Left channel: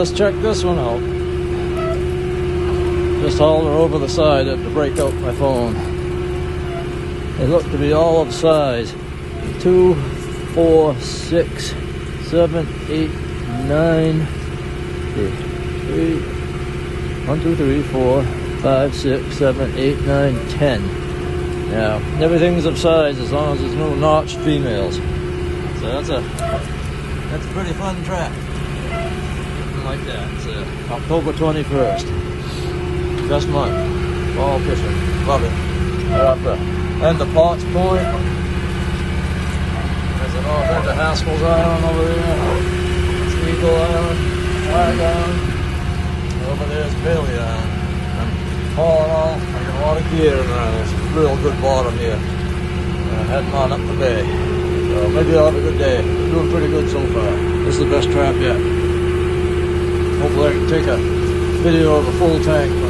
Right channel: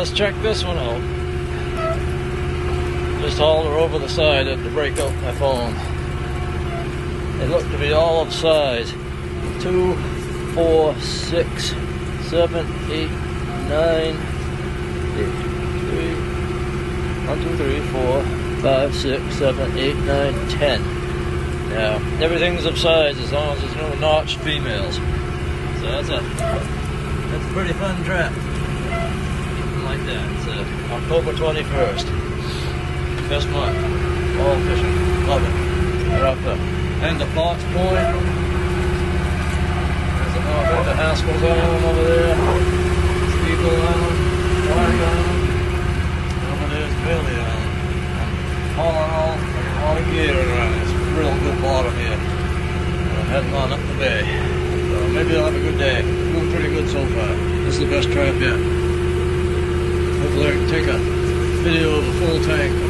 let's check this one out. Just holler over the side to break out my phone. They look to be all of size. 2, 4, 6, 7, 8, 9, 1, 2, 3, 4, 5, 6, 7, 8, 9, 10. Now, everything's of size as long as there's no notched females. So that's a pretty fun trap. Something like that. It's October 21st. Best month. All fishing. Love it. Right up there. And the Potts Point. There's the Haskell's Island over there. Eagle Island. Flag Island. Over there's Bailey Island. Hauling off. A lot of gear around. It's real good water here. Heading on up the bay. Maybe I'll have a good day. Doing pretty good so far. This is the best trap yet. Hopefully I can take a video of a full tank.